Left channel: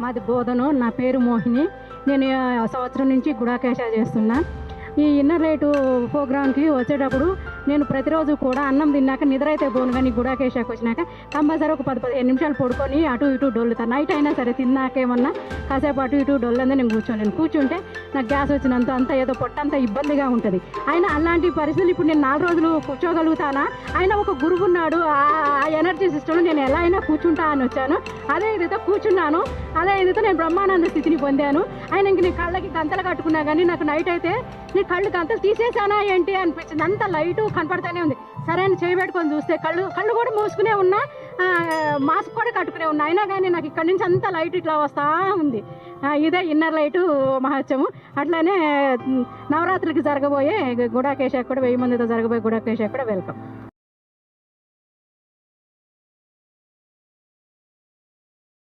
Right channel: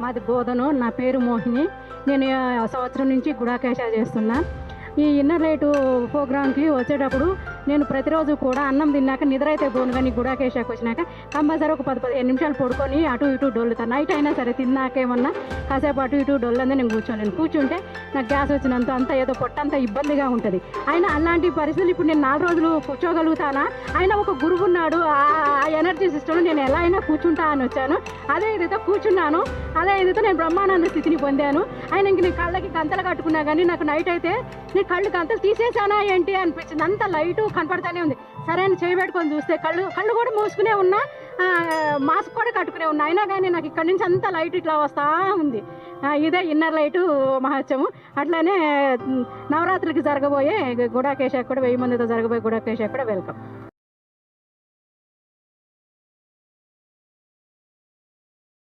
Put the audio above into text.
మాది బోధను నా పేరు మోహిని నేను సంవత్సరం నుంచి గుణాకేశాలు చేస్తున్నా ఈ ఇన్నర్ రేటు ప్రోగ్రామ్కి వచ్చేటప్పుడు నేను ప్రతిరోజు కూడా అన్నం తిన్నాక నిద్ర అయితే పోను కానీ గుడాకేశాకి వచ్చినాక కంపల్సరీ ఒక పది పదిహేను నిమిషాలు పడుకొని అటు ఇటు డొల్లుతాను నైట్ అయినా సరే తిన్నాకేమన్నా కాసేపు అటు ఇటు డొల్లందే నేను కూర్చోలేను కూర్చుంటే నాకు గ్యాస్ వచ్చినంత అంత ఏదో పొట్టంత ఇబ్బందిగా ఉంటుంది అయినా అలాంటి పరిస్థితులు ఇప్పుడు నేను నాలుగు రోజులు కూర్చోగలుగుతానా ఆయన ఒక గురువు ఉన్నాడు ఆ ఎనర్జీ సిస్టమ్ నేను ఎలా అయినా కూర్చుంటానని వచ్చాను అదే విధంగా కూర్చున్నాను అదే ఏదైతే నేను బ్రహ్మానంద స్థితిని పొందాను ఆయన ఇంక నీ కళ్ళకి గంతలు కట్టుకున్నా కానీ నాకు నైట్ అయితే నీ కళ్ళు గంతలు తీసేసానా ఏంటి అనిపించింది. అంత లైట్ కనపడుతూనే ఉంది. సరే అని చేయబెట్టుకొని చూస్తే కళ్ళు కళ్ళు కూడా మూసుకునే ఉన్నా మాస్క్ కూడా కట్టుకునే ఉన్నా. అయినా కానీ నాకు ఇక్కడ నుంచి అంత లైట్ ఇట్లా వస్తా ఉంది. ఇదే ఇన్నర్ లైటు మహత్యము అట్లానే నవరాత్రికి జరగబోయే గుడాకేశాకు కూడా వెయ్యి మందితో జరగబోయే గుడాకేశాకు కూడా వెళ్తాం